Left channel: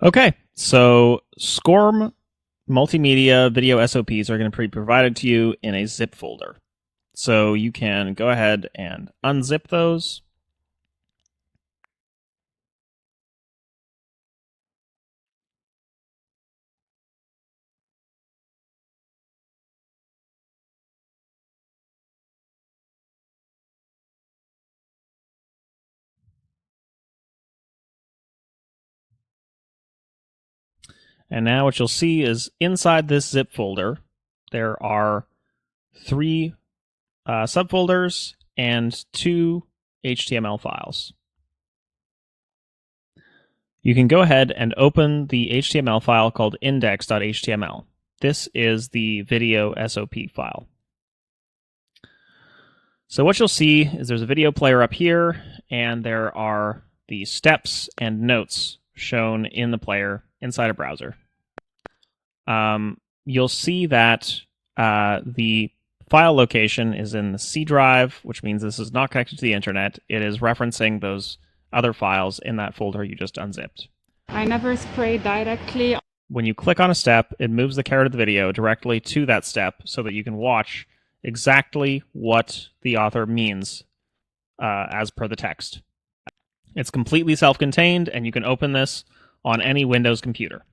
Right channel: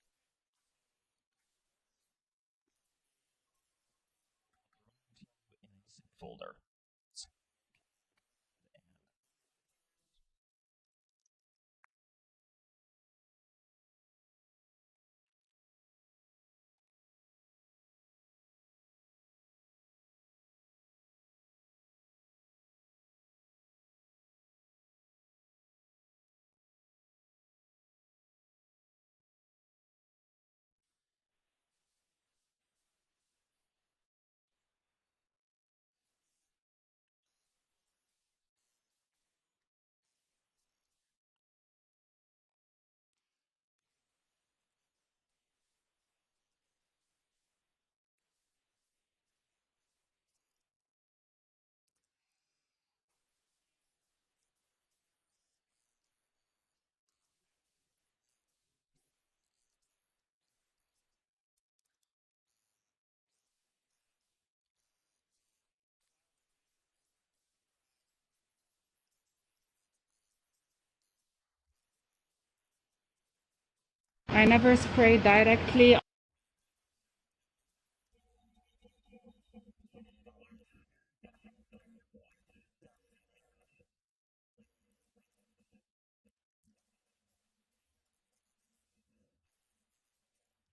Okay, so SCORM multimedia video SOPs are going to be provided to you in a zip folder. So you can go ahead and unzip those. And now what you'll see is inside this zip folder, there are 3 subfolders and 2 HTML files. You can go ahead and open the HTML file called index.html. This is the video SOP file. So what you'll see is there's a video player up here, and there are the steps and notes shown in the player inside a browser. You'll see that the file location is in the C drive, which means this is not connected to the internet. It is referencing those other files in that folder you just unzipped. I never spray directly. When you click on a step, it moves the carrot of the video directly to that step so that you can watch exactly what the author means as per the text. It's completely self-contained, and you can open this on any Windows computer.